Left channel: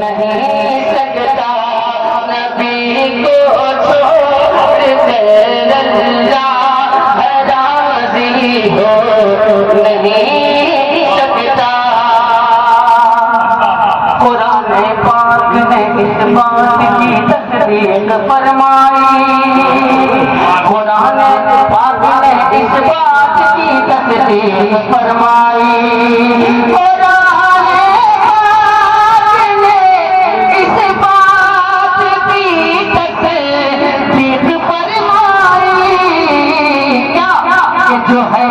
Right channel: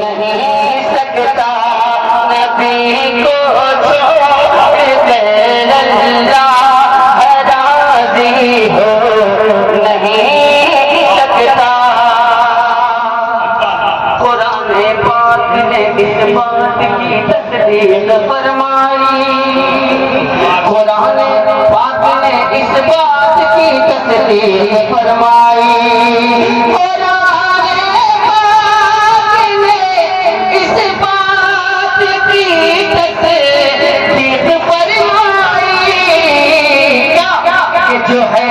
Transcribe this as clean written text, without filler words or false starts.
نہیں سکتا نبی کو چھوڑ کر اللہ راضی ہو نہیں سکتا۔ قرآن پاک نے اس بات کی تصدیق فرمائی، قرآن پاک نے اس بات کی تصدیق فرمائی، قرآن پاک نے اس بات کی تصدیق فرمائی کہ جو ہے